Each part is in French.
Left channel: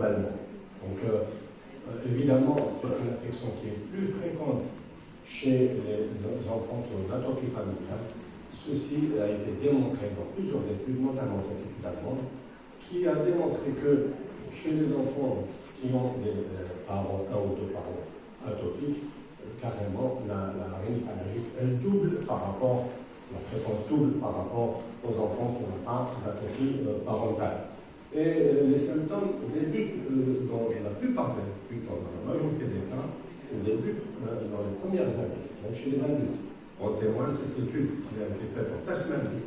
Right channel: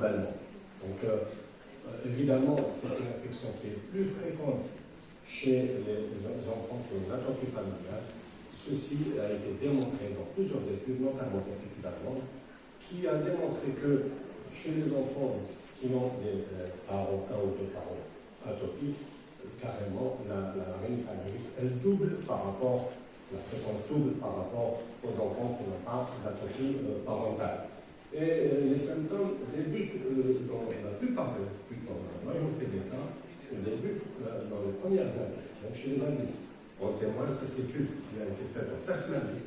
globalement. Donc, évidemment, c'est une infection qui est plus fréquente chez les enfants qui ont une atopie familiale. Ceci a été démontré dans plusieurs études, notamment cette étude allemande, qui a démontré que chez les enfants qui ont des parents, un ou deux parents atopiques, carrément, la rhinite allergique, elle double par rapport, la fréquence double par rapport aux enfants qui n'ont pas d'atopie parentale. Et les symptômes débutent dans la plupart des cas, dans la majorité des cas, débutent dans les premières années, donc chez les adultes. En témoin, cette étude qui a été faite en Tasmanie,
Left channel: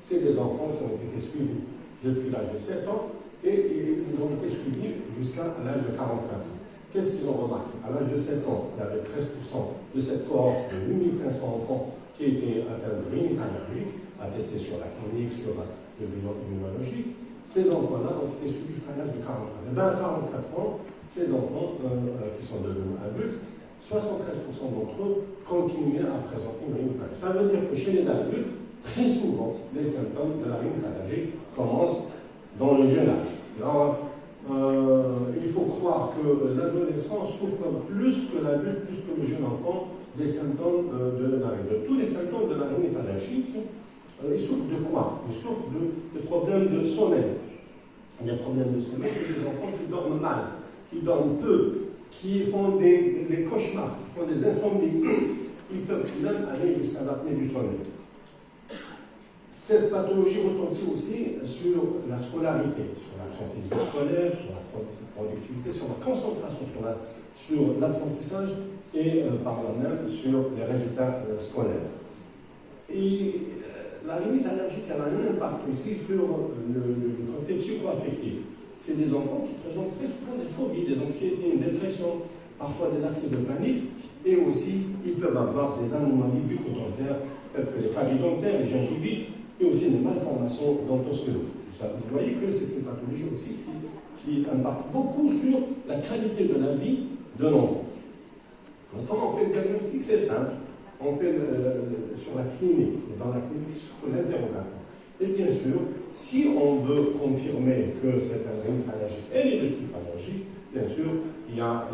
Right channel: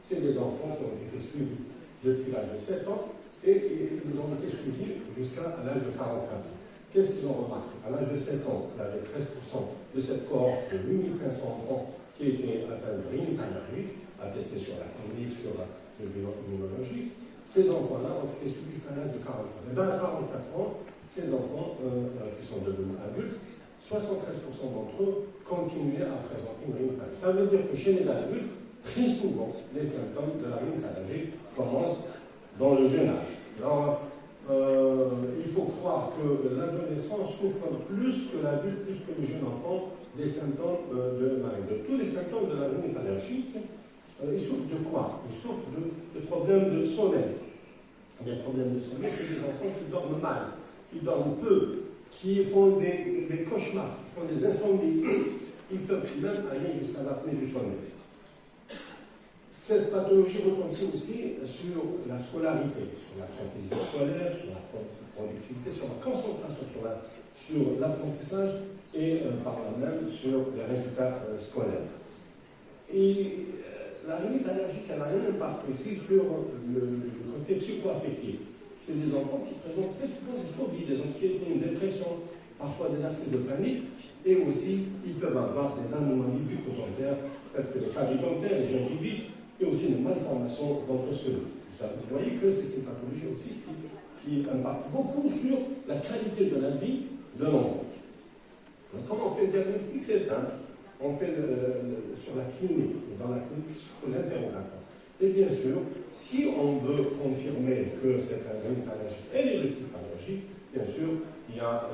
c'est des enfants qui ont été suivis depuis l'âge de 7 ans et ils ont été suivis jusqu'à l'âge de 44 ans. Qu'est-ce qu'ils ont remarqué? À l'âge de 7 ans, il y avait 13% de cette cohorte de 8500 enfants qui étaient atteints de rhinite allergique, attestés sur la clinique, sur la immunologie. Ces enfants-là ont été suivis jusqu'à l'âge de 40 ans. Et dans 44 ans, ces enfants qui sont devenus adultes, 73% d'entre eux continuaient à présenter une rhinite allergique. Ça veut dire que chez les adultes, très souvent, les symptômes de la rhinite allergique commencent dans le jeune âge. Alors, il faut croire que l'adolescent souffre plus que l'adulte, plus que le jeune enfant, des symptômes de la rhinite. Tous les symptômes de la rhinite allergique, ils souffrent de quoi? Ils souffrent de problèmes de sommeil. Des problèmes de sommeil, c'est des enfants qui dorment mal, qui dorment peu, qui font des cauchemars, qui font des insomnies, qui peuvent même aller jusqu'à l'apnée du sommeil. Cette pathologie retentit aussi sur la scolarité, sur l'absentéisme scolaire, sur la productivité, sur la concentration, sur l'apprentissage et par là même sur les résultats scolaires. Et la rhinite allergique a un impact aussi sur le côté psycho-affectif. C'est des enfants qui présentent très souvent des phobies, des anxiétés, une dépression, parfois des accès de panique, et aussi ils peuvent avoir des anomalies bucco-dentaires, telles que les caries dentaires, les gingivites, et aussi une malformation d'endoscopie. Vous voyez que c'est une pathologie aussi qui impacte beaucoup sur la qualité de la vie de l'enfant. Comment on fait le diagnostic? C'est simple. On fait sur la clinique, dans la clinique sur l'interrogatoire. Et bien sûr, si on veut confirmer que c'est un rhinite allergique et les deux types allergiques, bien sûr, il y a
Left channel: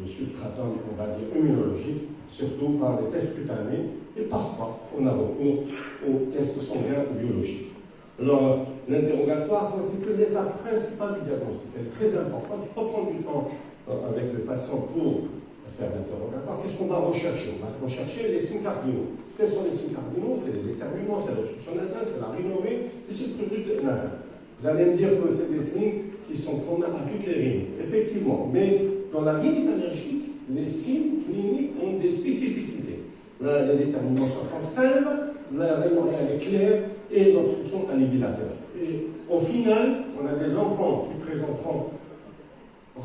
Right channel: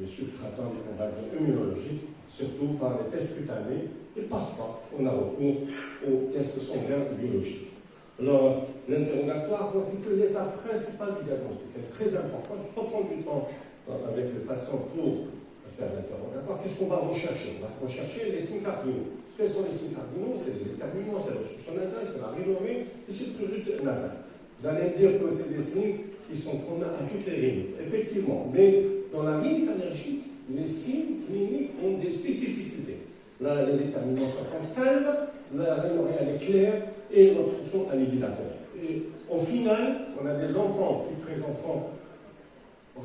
le substratum, on va dire, immunologique, surtout par les tests cutanés, et parfois on a recours aux tests sanguins biologiques. Alors, l'interrogatoire constitue l'étape principale du diagnostic. Elle est très importante. Il faut prendre du temps avec le patient pour faire l'interrogatoire. Qu'est-ce qu'on va rechercher? On va rechercher les signes cardinaux. Quels sont les signes cardinaux? C'est les éternuements, c'est l'obstruction nasale, c'est la rhinorrhée et c'est le prurite nasal. Vous allez me dire que c'est des signes qui sont communs à toutes les rhinites. Effectivement, mais dans la rhinite allergique, les signes cliniques ont des spécificités. Là, les éternuements sont en salve, la rhinorrhée elle est claire et l'obstruction elle est bilatérale. Et au final, on a des enfants qui présenteront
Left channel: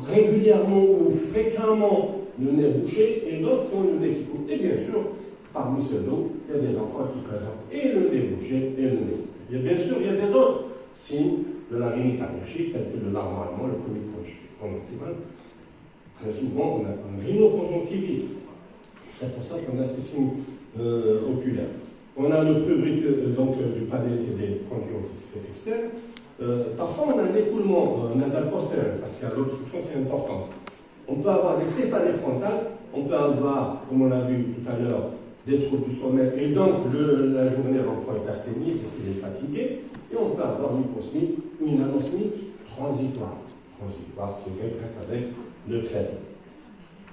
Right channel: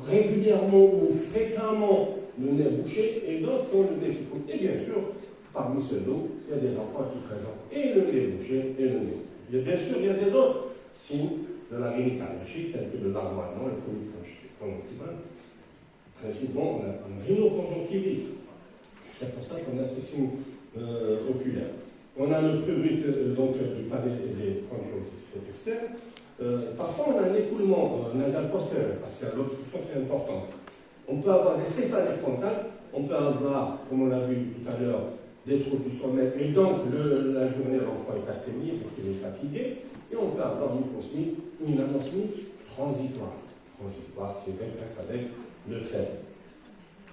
régulièrement ou fréquemment le nez bouché et d'autres qui ont le nez qui coule. Et bien sûr, parmi ceux-là, il y a des enfants qui présentent et le nez bouché et le nez. Et bien sûr, il y a des autres signes de la rhinite allergique, tels que le larmoiement, le colite conjonctivale. Très souvent, on a une rhinoconjonctivite. C'est pour ça qu'on a ces signes oculaires. On a le prurite du palais et des conjonctivités externes. Parfois, on a un écoulement nasal postérieur, parce qu'il y a l'obstruction qui est importante. On peut avoir des céphalées frontales, on peut avoir, comme on l'a vu tout à l'heure, des troubles du sommeil, et donc la journée, l'enfant est asthénique, donc il est fatigué, et on peut avoir une hyposmie ou une anosmie transitoire qui régresse avec le traitement.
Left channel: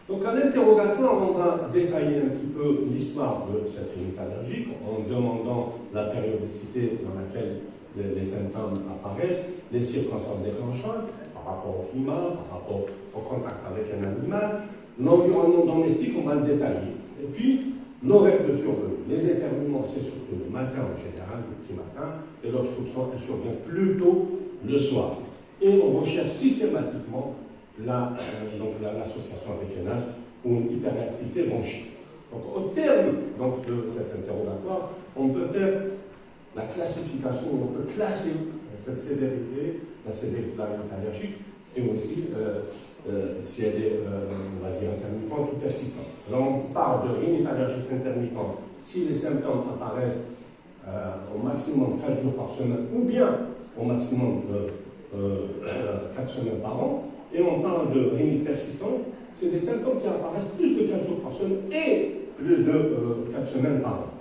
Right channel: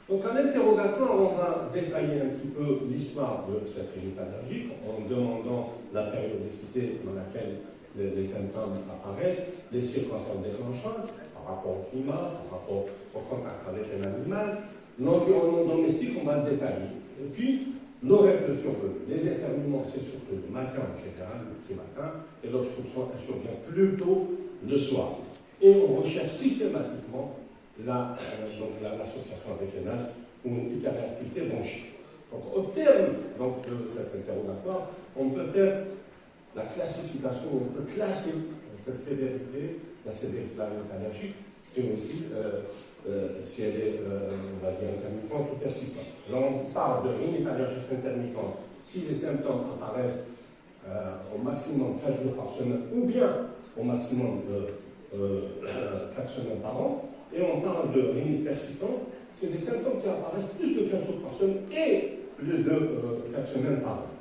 Donc, à l'interrogatoire, on va détailler un petit peu l'histoire de cette rhinite allergique en demandant la périodicité dans laquelle les symptômes apparaissent, les circonstances déclenchantes par rapport au climat, par rapport au contact avec un animal, l'environnement domestique, on va le détailler. Et puis, l'horaire de survenue. Les éternuements, c'est surtout le matin en général, le petit matin, et l'obstruction, elle survient plutôt le soir. Et on recherche systématiquement l'association avec un asthme ou une hyperactivité bronchique. Donc, au terme de cet interrogatoire, on peut faire la classification, on peut classer cette sévérité, la sévérité de la rhinite allergique, et aussi si elle est, on va dire, intermittente ou persistante. Là, on parle de rhinite allergique intermittente si les symptômes apparaissent au maximum 4 jours par semaine, ou bien au maximum 4 semaines par an, et on parle de rhinite persistante, c'est des symptômes qui apparaissent plus de 4 jours par semaine et plus de 4 semaines par an.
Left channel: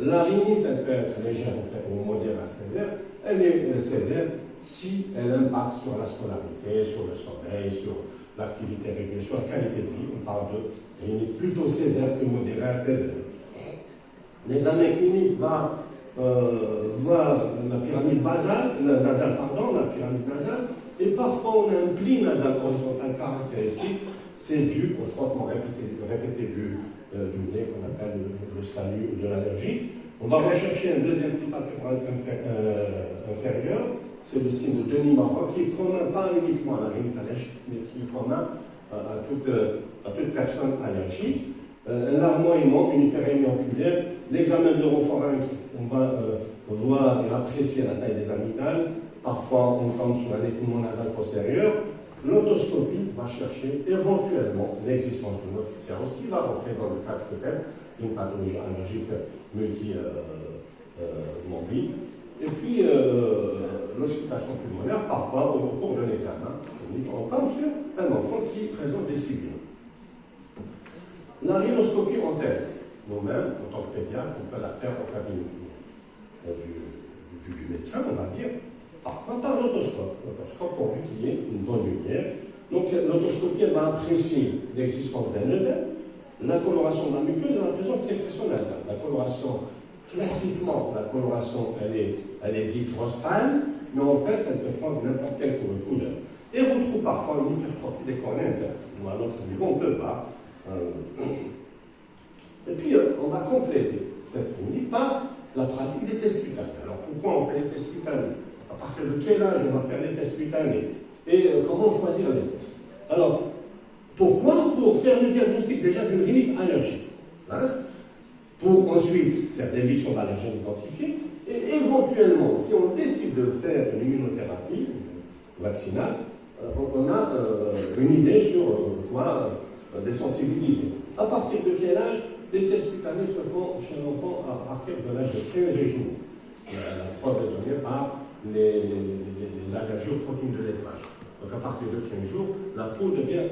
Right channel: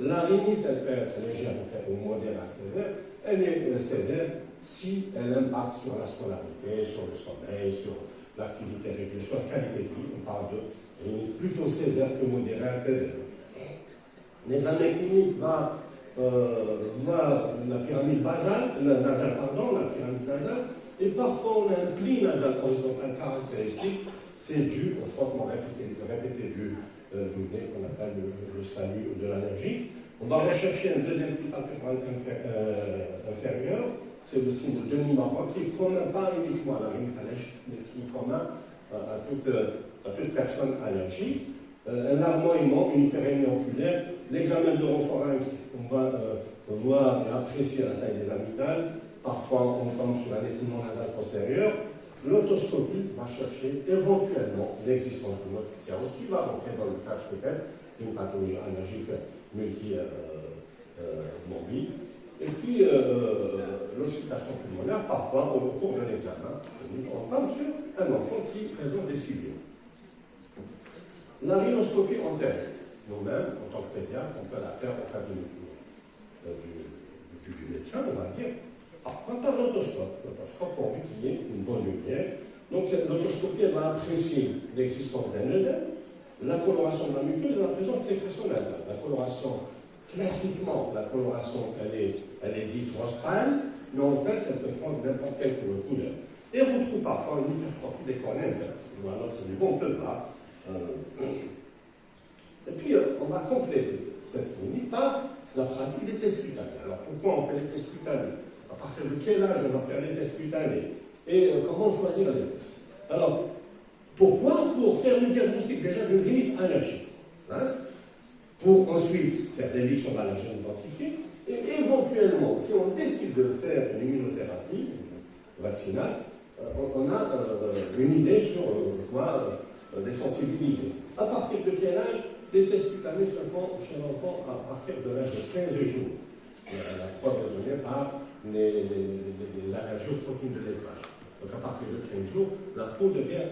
La rhinite, elle peut être légère ou modérée à sévère. Elle est sévère si elle impacte sur la scolarité, sur le sommeil, sur l'activité régulière, sur la qualité de vie. On parle de rhinite plutôt sévère que modérée à sévère. L'examen clinique va la pyramide nasale, et parfois on a un pli nasal horizontal caractéristique. C'est dû au frottement répété du nez qu'on appelle le salut de l'allergie. On va rechercher un deuxième pli palpebral inférieur, c'est le signe de demi-marron qui est commun pas uniquement à la rhinite allergique, mais qui est commun à toute personne allergique. Un larmoiement, une hyperémie oculaire, l'examen de l'oropharynx, on va voir et apprécier la taille des amygdales. Parfois, on tombe sur la dépouillement nasal postérieur. L'autoscopie va chercher éventuellement l'existence de notre séance qui va rentrer dans le cadre peut-être d'une pathologie allergique multimobile. Et puis, l'auscultation pulmonaire, parfois, au cours d'un examen, on tombe sur un enfant qui présente des sibiles. La rhinoscopie antérieure, nous-mêmes, en tant que pédiatre, on peut la faire au cabinet du médecin, on va dire, parfois par l'autoscope. L'autoscope pourvu qu'il y ait une bonne lumière. Donc l'autoscopie va apprécier l'existence d'un œdème, la coloration de la muqueuse et la présence de sécrétion nasale. La coloration, classiquement, elle est dite rostrale, mais en fait, elle peut prendre n'importe quelle couleur. Et on trouve parfois une hypertrophie des cornées internes. À notre niveau, on ne peut pas. Et puis, on va compléter cette clinique par la pratique des tests cutanés. Alors, pourquoi on fait les tests cutanés? À partir de quel âge on va faire les tests cutanés? Et comment choisir les tests? Alors, pourquoi? Pour faire le diagnostic déjà d'une rhinite allergique. Hein? Pour ensuite faire des l'éviction d'allergènes identifiés. Et éventuellement, si on décide de faire une immunothérapie vaccinale, on a une idée sur quoi les sensibiliser. À partir de quel âge? Les tests cutanés se font chez l'enfant à partir de l'âge de 15 jours. La preuve est donnée par les allergies aux protéines de laitage. Donc à partir de 15 jours, la peau devient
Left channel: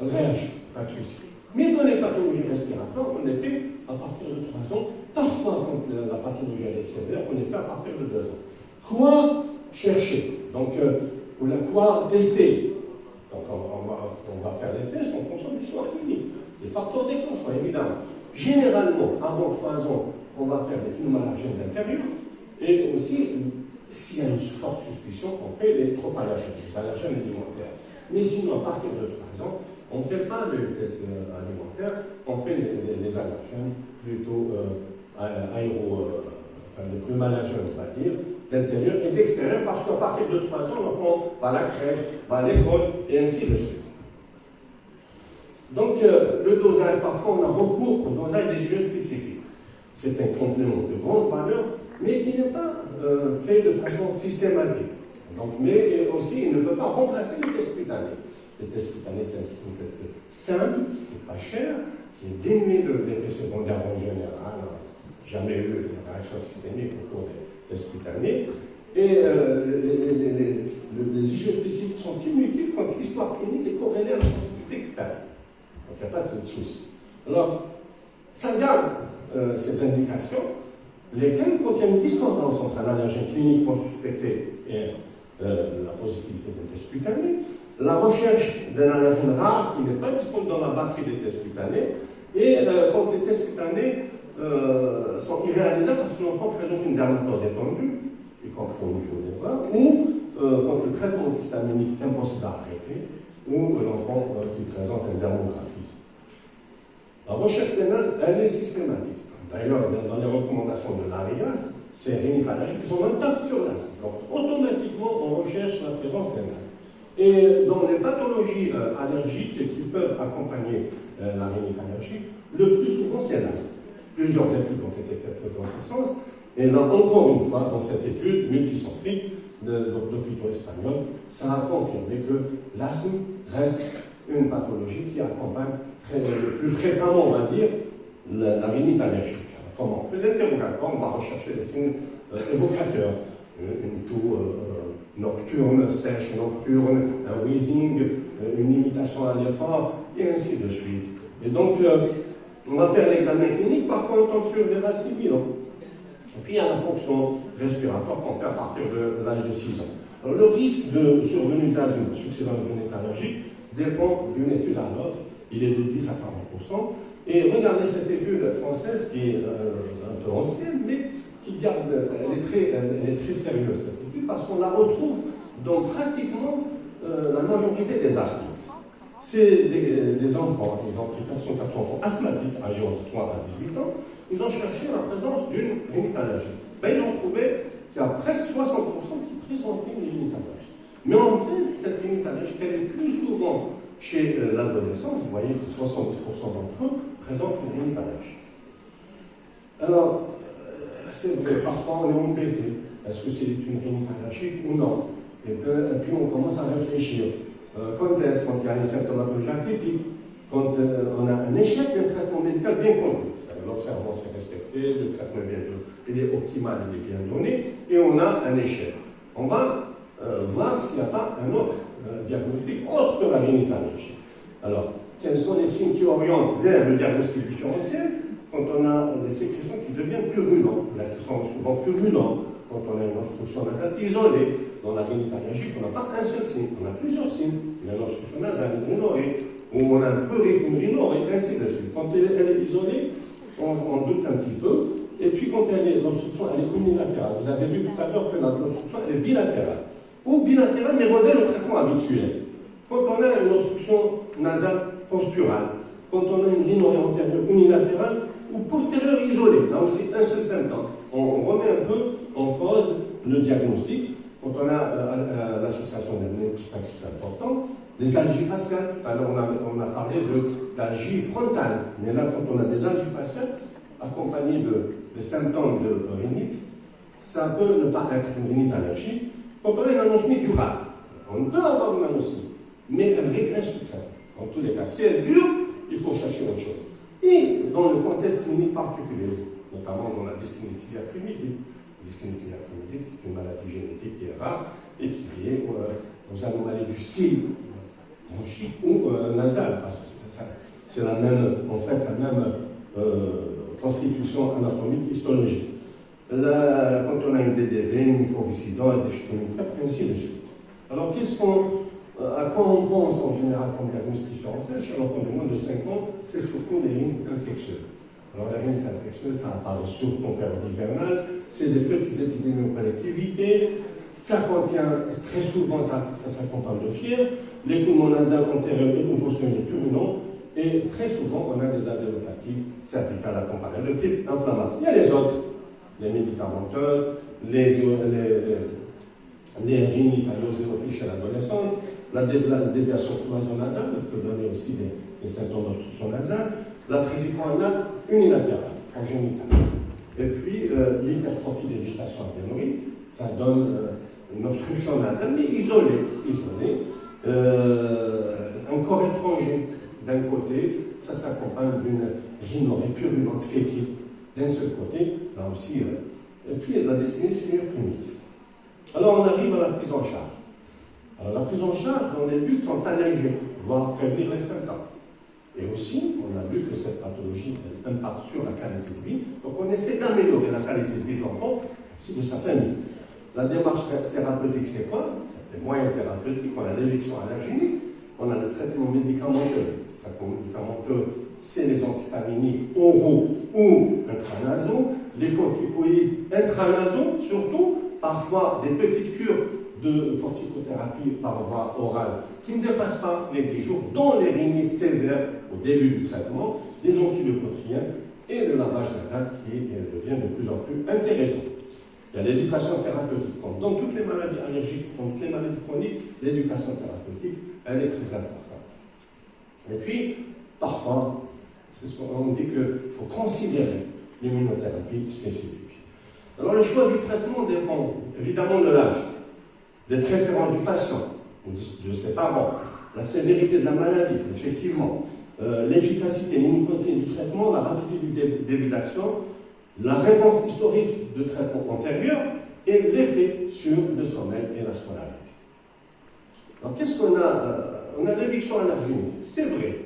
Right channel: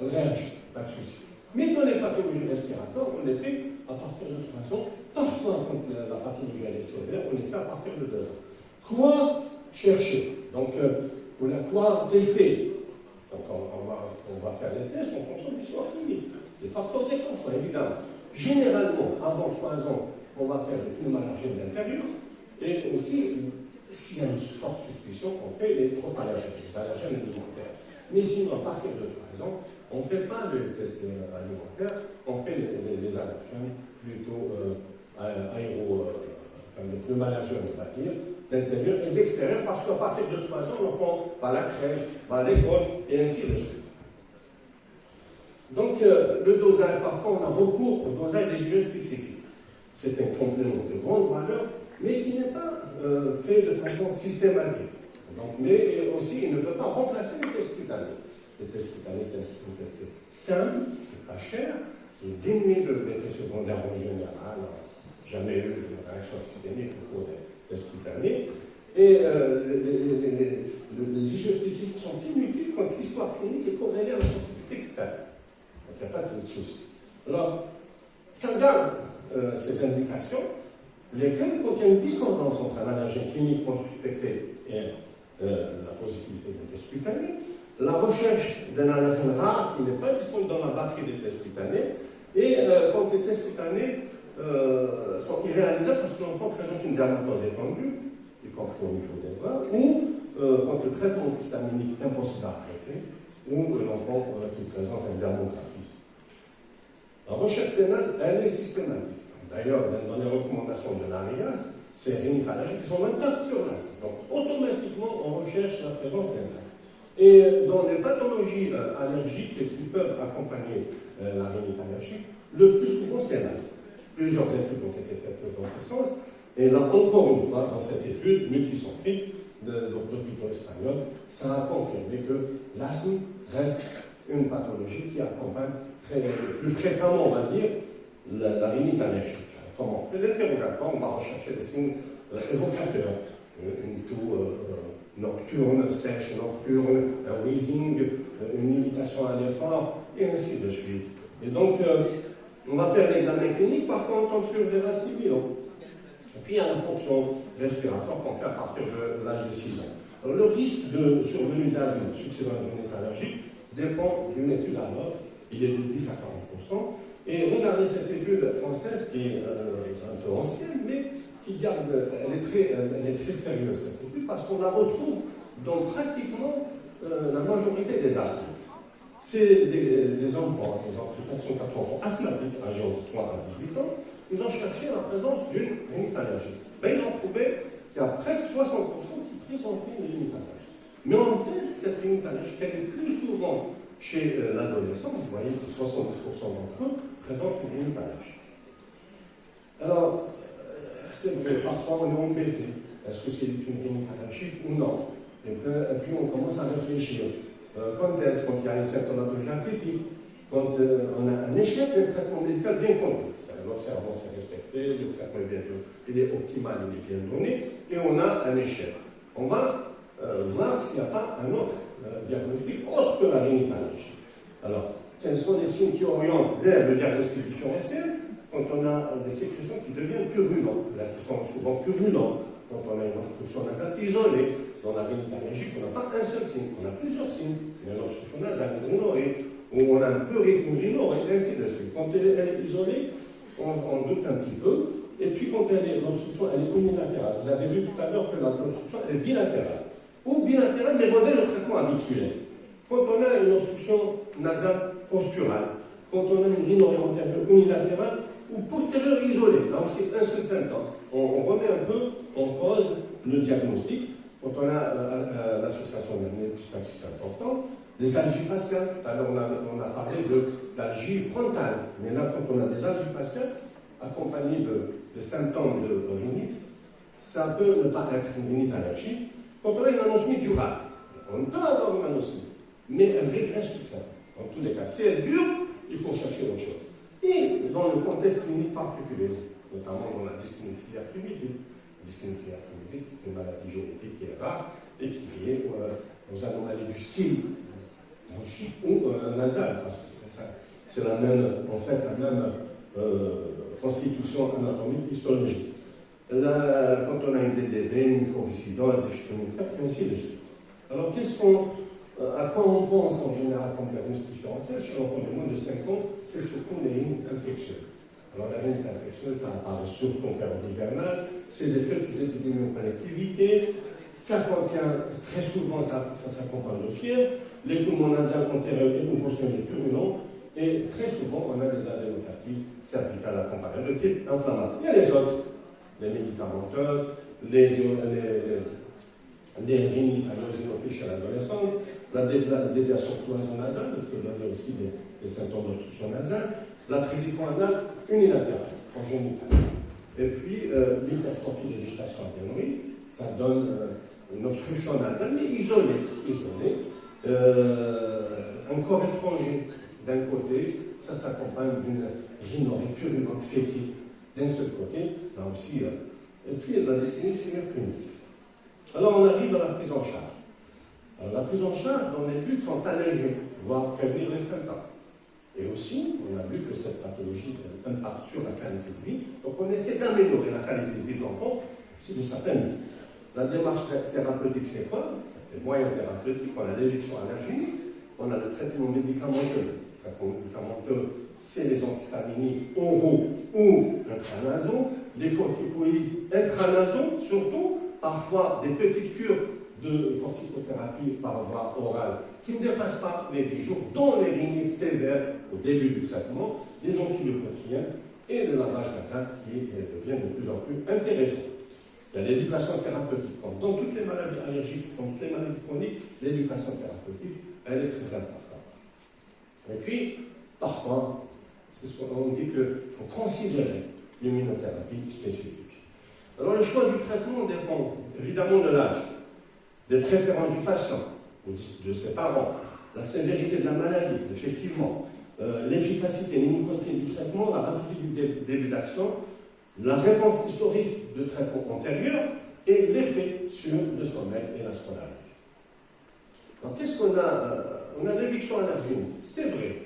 réagit, pas de souci. Mais dans les pathologies respiratoires, on les fait à partir de 3 ans. Parfois, quand la pathologie est sévère, on les fait à partir de 2 ans. Quoi chercher? Donc, quoi tester? Donc, on va faire les tests en fonction de l'histoire clinique. Les facteurs déclencheurs, évidemment. Généralement, avant 3 ans, on va faire des pneumoallergènes d'intérieur. Et aussi, s'il y a une forte suspicion, on fait les trophallergènes, les allergènes alimentaires. Mais sinon, à partir de 3 ans, on ne fait pas les tests alimentaires, on fait les allergènes plutôt les pneumoallergènes, on va dire, d'intérieur et d'extérieur, parce qu'à partir de 3 ans, l'enfant va à la crèche, va à l'école, et ainsi de suite. Donc, le dosage, parfois, on a recours au dosage des GE spécifiques. C'est un complément de grande valeur, mais qui n'est pas fait de façon systématique. Donc, mais aussi, il ne peut pas remplacer les tests cutanés. Les tests cutanés, c'est un test simple, qui n'est pas cher, qui est dénué d'effets secondaires en général. Jamais eu de réaction systémique au cours des tests cutanés. Et les IgE spécifiques sont inutiles quand l'histoire clinique est corrélée à la sensibilité cutanée. Donc, il n'y a pas de souci. Alors, ça garde ces indications, lesquelles contiennent une discordance entre un allergène cliniquement suspecté et la positivité d'un test cutané, la recherche d'un allergène rare qui n'est pas disponible dans la batterie des tests cutanés, et quand les tests cutanés sont irréalisables parce que l'enfant présente une dermatose étendue, y compris au niveau des bras, ou quand le traitement antihistaminique est impossible à arrêter, ou l'enfant qui présente un dermographisme. La recherche des NAS, elle est systématique. D'ailleurs, dans les recommandations de l'ARIAS, ces rhinites allergiques sont impacts sur l'asthme. Donc, automatiquement, on recherche la présence des NAS. Et dans les pathologies allergiques qui peuvent accompagner la rhinite allergique, le plus souvent, c'est l'asthme. Plusieurs études ont été faites dans ce sens. Et là, encore une fois, dans cette étude multicentrique d'hôpitaux espagnols, ça a confirmé que l'asthme reste une pathologie qui accompagne plus fréquemment, on va dire, la rhinite allergique. Alors, comment on fait l'interrogatoire? On va rechercher des signes évocateurs, une toux nocturne, sèche nocturne, un wheezing, une limitation à l'effort, et ainsi de suite. Et donc, on va faire l'examen clinique, parfois on tombe sur des racines bilan. Et puis il y a la fonction respiratoire qu'on fait à partir de l'âge de 6 ans. Alors, le risque de survenue d'asthme succédant à une allergique dépend d'une étude à l'autre. Il est de 10 à 40%. Et regardez cette étude française qui est un peu ancienne, mais qui garde, elle est très sérieuse cette étude, parce qu'on la retrouve dans pratiquement la majorité des asthmes. C'est des enfants, ils ont pris 404 enfants asthmatiques âgés entre 3 à 18 ans, ils ont cherché la présence d'une rhinite allergique. Ben, ils ont trouvé qu'il y a presque 60% qui présentaient une rhinite allergique. Mais en fait, cette rhinite allergique, elle est plus souvent chez l'adolescent. Vous voyez que 70% d'entre eux présentent une rhinite allergique. Alors, c'est vrai, parfois on est embêté. Est-ce que c'est une rhinite allergique ou non? Et puis on commence à réfléchir. Quand est-ce qu'il y a une symptomatologie atypique? Quand on a un échec d'un traitement médical bien connu, c'est-à-dire l'observance est respectée, le traitement il est optimal, il est bien donné, et on a un échec. On va voir s'il n'y a pas un autre diagnostic autre que la rhinite allergique. Alors, quels sont les signes qui orientent vers le diagnostic différentiel? Quand on a des sécrétions qui deviennent purulentes, là, qui sont souvent purulentes, quand on a une obstruction nasale isolée. Dans la rhinite allergique, on n'a pas un seul signe, on a plusieurs signes. On a une obstruction nasale, une rhinorrhée, ou on a un peu une rhinorrhée, ainsi de suite. Quand elle est isolée, on doute un petit peu. Et puis quand l'obstruction elle est unilatérale, vous avez vu tout à l'heure que l'obstruction est bilatérale. Ou bilatérale, mais revêt le traitement habituel. Quand on a une obstruction nasale posturale, quand on a une rhinorrhée antérieure unilatérale ou postérieure isolée, là aussi un seul symptôme, on remet un peu en cause le diagnostic. Quand on a l'association des c'est important, des algies faciales. Tout à l'heure, on a parlé d'algies frontales. Mais là, quand on a des algies faciales accompagnées de symptômes de rhinite, ça peut ne pas être une rhinite allergique. Quand on a une anosmie durable, on peut avoir une anosmie, mais elle régresse du traitement. Dans tous les cas, si elle dure, il faut chercher autre chose. Et dans le contexte clinique particulier, notamment dans la dyskinésie primitive, dyskinésie primitive, qui est une maladie génétique qui est rare et qui est liée aux anomalies du cil bronchique ou nasal, parce que c'est la même, en fait, la même constitution anatomique histologique. Là, quand on a une DDB, une microviscidose, des phytométries, ainsi de suite. Alors, à quoi on pense en général comme diagnostic différentiel chez l'enfant de moins de 5 ans? C'est surtout des rhinites infectieuses. Alors, la rhinite infectieuse, ça apparaît surtout en période hivernale, c'est des petites épidémies en collectivité, ça contient très souvent, ça s'accompagne de fièvre, les poumons nasales antérieurs et postérieurs purulents, et très souvent, on a des adénopathies cervicales accompagnées de type inflammatoire. Il y a les autres, les médicamenteuses, les rhinites eosinophiles chez l'adolescente, la déviation cloisonasale, qui peut donner aussi des symptômes d'obstruction nasale, la trisicronale unilatérale, congénitale. Et puis, l'hypertrophie des végétations adénoïdes, ça donne une obstruction nasale, mais isolée. Un corps étranger, d'un côté, ça s'accompagne d'une rhinorrhée purulente fétide, d'un seul côté, là aussi, et puis la dyskinésie primitive. Alors, on arrive à la prise en charge. Alors, la prise en charge, dans les buts, sont alléger, voire prévenir les symptômes. Et aussi, on a vu que cette pathologie impacte sur la qualité de vie. Donc, on essaie d'améliorer la qualité de vie de l'enfant, si de sa famille. La démarche thérapeutique, c'est quoi? C'est des moyens thérapeutiques. On a l'éviction allergique, on a le traitement médicamenteux. Le traitement médicamenteux, c'est les antihistaminiques oraux ou intranasaux, les corticoïdes intranasaux, surtout, parfois des petites cures de corticothérapie par voie orale qui ne dépassent pas les 10 jours, dont les rhinites sévères au début du traitement, des antibiotiques et le lavage nasal qui devient de plus en plus intéressant. Il y a l'éducation thérapeutique. Comme dans toutes les maladies allergiques, dans toutes les maladies chroniques, l'éducation thérapeutique, elle est très importante. Et puis, parfois, c'est ce qu'on dit qu'il faut considérer l'immunothérapie spécifique. Alors, le choix du traitement dépend évidemment de l'âge, des préférences du patient, de ses parents, la sévérité de la maladie, effectivement, l'efficacité, l'inutilité du traitement, la rapidité du début d'action, la réponse historique de traitement antérieur, et l'effet sur le sommeil et la scolarité. Alors, qu'est-ce qu'on a? On a l'éviction allergénique, c'est vrai,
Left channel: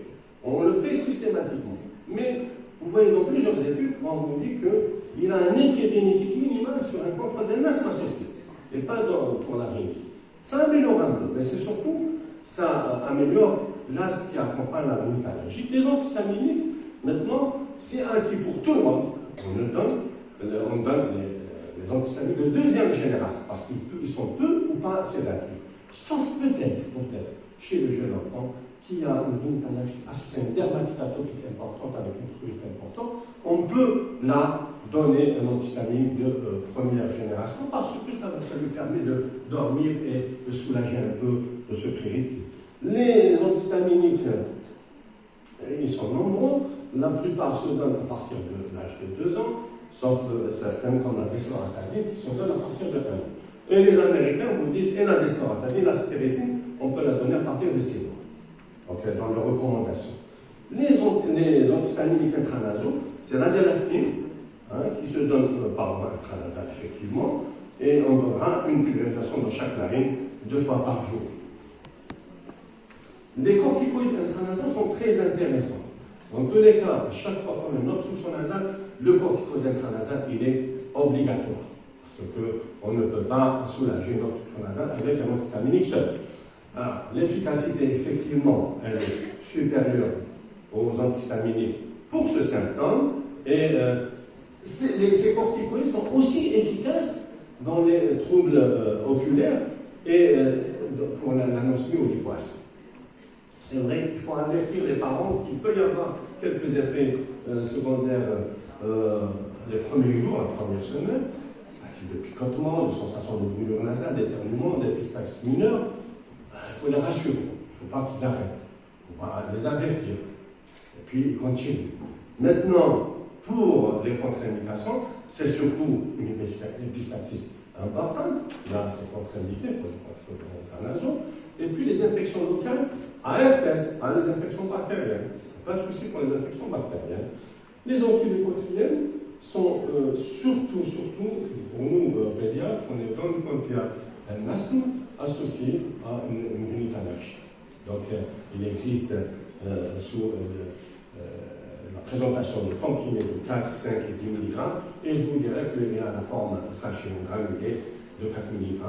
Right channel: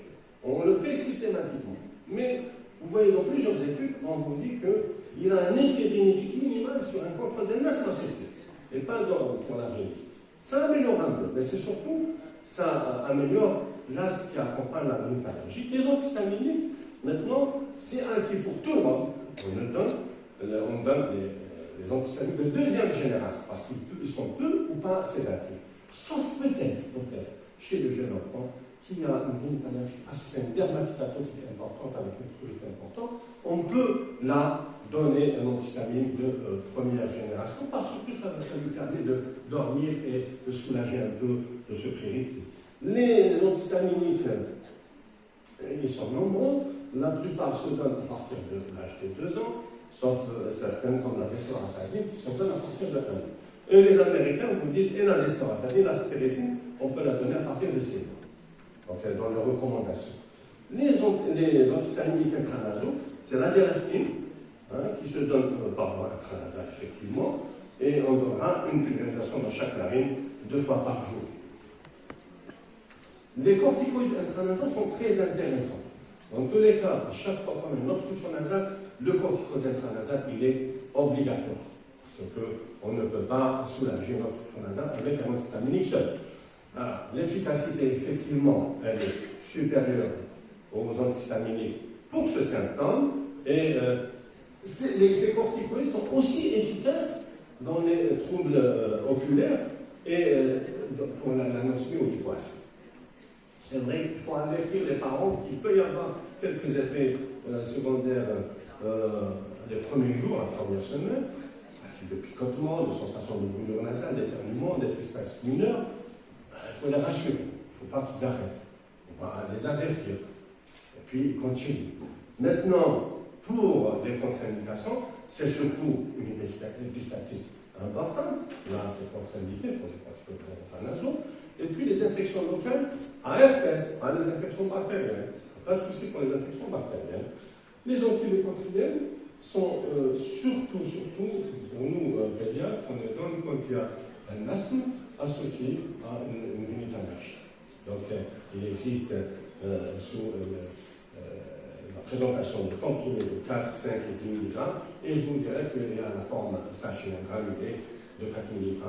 on le fait systématiquement, mais vous voyez dans plusieurs études, on vous dit qu'il a un effet bénéfique minimal sur un contrôle de l'asthme associé, et pas pour la rhinite. Ça améliore un peu, mais c'est surtout, ça améliore l'asthme qui accompagne la rhinite allergique. Les antihistaminiques, maintenant, c'est acquis pour tout le monde. On donne les antihistaminiques de deuxième génération, parce qu'ils sont peu ou pas sédatifs. Sauf peut-être, chez le jeune enfant qui a une rhinite allergique associée à une dermatite atopique importante avec une prurite importante, on peut là donner un antihistaminique de première génération parce que ça lui permet de dormir et de soulager un peu de ce prurite. Les antihistaminiques, ils sont nombreux. La plupart se donnent à partir de l'âge de 2 ans, sauf certaines comme la desloratadine qui sont données à partir de 1 an. Et les Américains vous disent, et la desloratadine, la stérécine, on peut la donner à partir de 6 mois. Donc, dans leurs recommandations. Les antihistaminiques intranasaux, c'est l'azélastine, qui se donne par voie intranasale, effectivement, et on aura une pulvérisation dans chaque narine 2 fois par jour. Les corticoïdes intranasaux sont très intéressants. Dans tous les cas, à chaque fois qu'on a une obstruction nasale, le corticoïde intranasal, il est obligatoire. Parce qu'on ne peut pas soulager une obstruction nasale avec un antihistaminique seul. L'efficacité, effectivement, elle est supérieure aux antihistaminiques pour ce symptôme. Et ces corticoïdes sont aussi efficaces dans les troubles oculaires et pour l'anosmie ou l'hypoacie. C'est vrai qu'il faut avertir les parents qu'il peut y avoir quelques effets secondaires les premiers jours, la première semaine, à titre de picotement, de sensation de brûlure nasale, d'éternuement, d'épistaxie mineure. Il faut les rassurer, il ne faut pas qu'ils arrêtent. On va les avertir. Et puis ils continuent. Maintenant, pour les contre-indications, c'est surtout une épistaxie importante. Là, c'est contre-indiqué pour les corticoïdes intranasaux. Et puis les infections locales à herpès, pas les infections bactériennes. Pas de souci pour les infections bactériennes. Les antilécotriennes sont surtout pour nous, pédiatres, on les donne quand il y a un asthme associé à une rhinite allergique. Donc, il existe sous la présentation de comprimés de 4, 5 et 10 mg, et je vous dirais qu'il y a la forme sachet granulé de 4 mg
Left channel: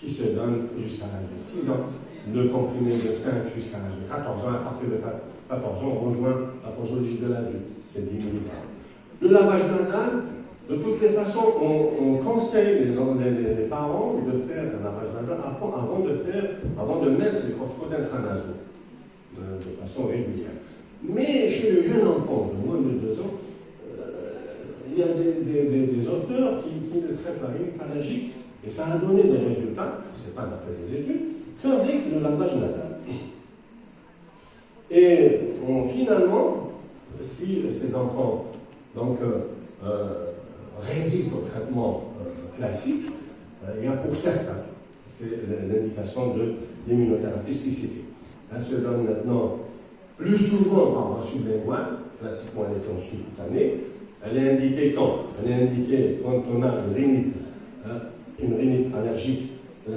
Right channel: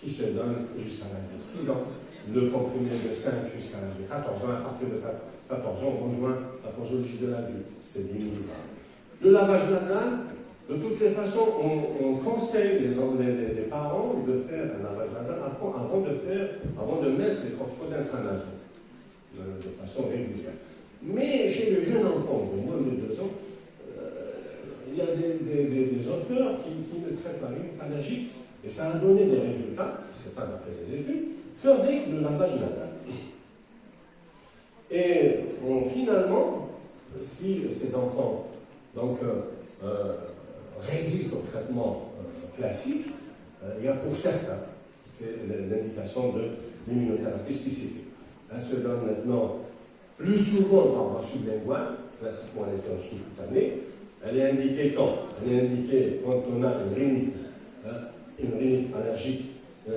qui se donne jusqu'à l'âge de 6 ans, le comprimé de 5 jusqu'à l'âge de 14 ans, à partir de 14 ans, on rejoint la posologie de l'adulte, c'est 10 mg. Le lavage nasal, de toutes les façons, on conseille les parents de faire un lavage nasal avant de mettre les corticoïdes intranasaux, de façon régulière. Mais chez le jeune enfant de moins de 2 ans, il y a des auteurs qui ne traitent la rhinite allergique, et ça a donné des résultats, ce n'est pas d'après les études, qu'avec le lavage nasal. Et finalement, si ces enfants résistent au traitement classique, il y a pour certains, c'est l'indication de l'immunothérapie spécifique. Ça se donne maintenant plus souvent par voie sublinguale, classiquement elle était en sous-cutanée. Elle est indiquée quand? Elle est indiquée quand on a une rhinite allergique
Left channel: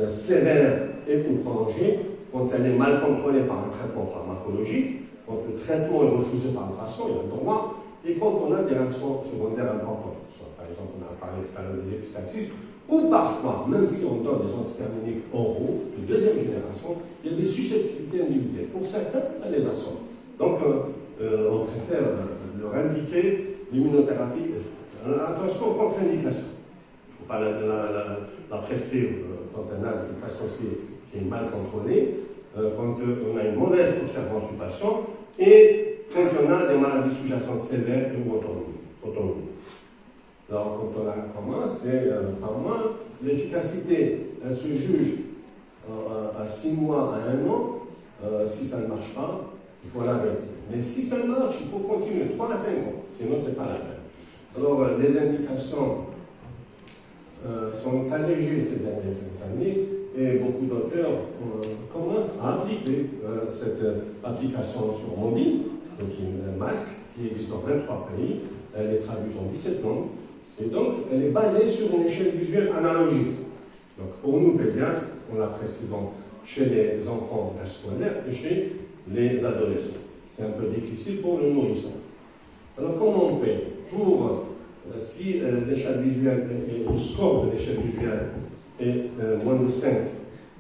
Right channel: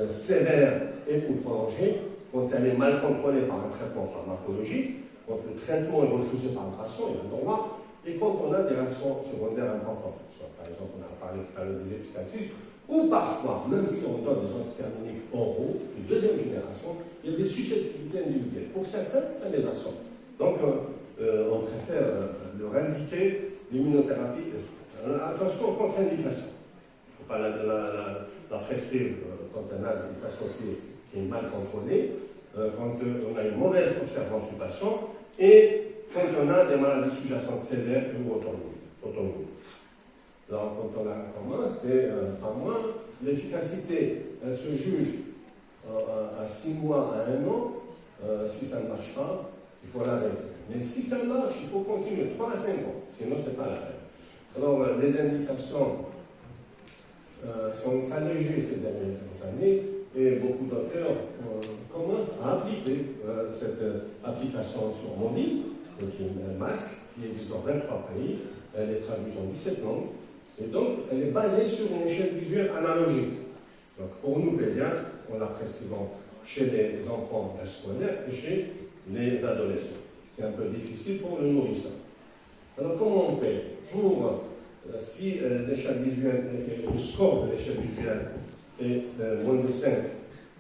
sévère et ou prolongée, quand elle est mal contrôlée par un traitement pharmacologique, quand le traitement est refusé par le patient, il a le droit, et quand on a des réactions secondaires importantes. Soit, par exemple, on a parlé tout à l'heure des épistaxis, ou parfois, même si on donne des antihistaminiques oraux de deuxième génération, il y a des susceptibilités individuelles. Pour certains, ça les assomme. Donc, on préfère leur indiquer l'immunothérapie. Attention aux contre-indications. Il ne faut pas la prescrire quand un asthme est associé qui est mal contrôlé, quand on a une mauvaise observance du patient et quand on a des maladies sous-jacentes sévères ou autonomes. Alors, quand on commence, par mois, l'efficacité, elle se juge à 6 mois, à 1 an. Si ça ne marche pas, il faut l'arrêter. Mais si ça marche, il faut continuer 3 à 5 ans, sinon ce n'est pas la peine. Alors, les indications sont allégées ces dernières années et beaucoup d'auteurs commencent à appliquer cette application sur mobile, donc un masque qui existe dans 23 pays. Elle est traduite en 17 langues Et donc, elle est basée sur une échelle visuelle analogique. Donc, pour nous, pédiatres, on la prescrit chez les enfants d'âge scolaire et chez les adolescents. C'est un peu difficile pour le nourrisson. Alors, comment on fait pour, si l'échelle visuelle, le score de l'échelle visuelle est moins de 5,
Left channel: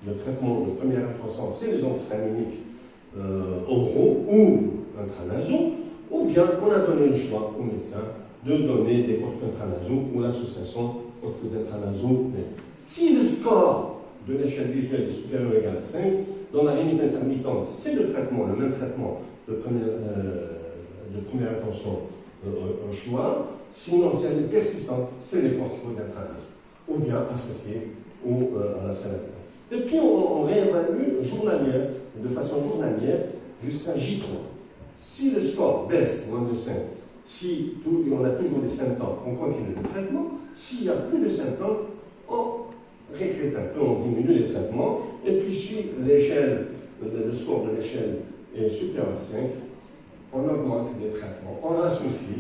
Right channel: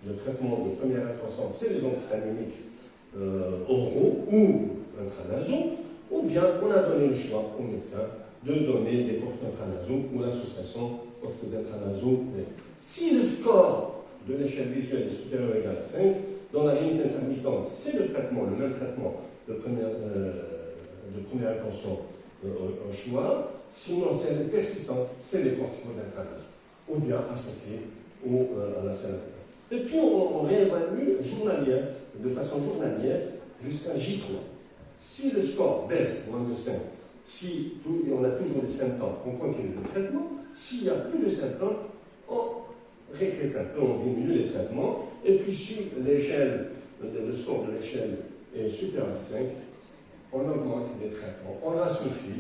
le traitement de première intention, c'est les antihistaminiques oraux ou intranasaux, ou bien on a donné le choix au médecin de donner des corticoïdes intranasaux ou l'association corticoïdes intranasaux. Si le score de l'échelle visuelle est supérieur ou égal à 5, dans la limite intermittente, c'est le traitement, le même traitement de première intention au choix. Sinon, si elle est persistante, c'est les corticoïdes intranasaux, ou bien associés à la saline. Et puis on réévalue de façon journalière jusqu'à J3. Si le score baisse moins de 5, si on a toujours des symptômes, on continue le traitement. S'il n'y a plus de symptômes, on régresse un peu, on diminue les traitements. Et puis si le score de l'échelle est supérieur à 5, on augmente les traitements, on associe.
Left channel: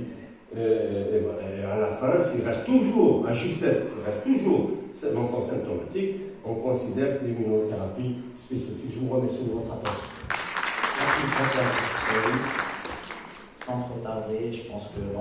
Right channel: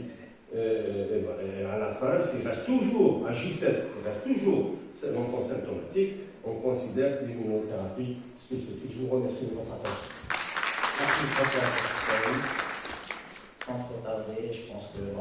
Et à la fin, s'il reste toujours à J7, s'il reste toujours l'enfant symptomatique, on considère l'immunothérapie spécifique. Je vous remercie de votre attention. Merci, professeur. Sans trop tarder, je pense que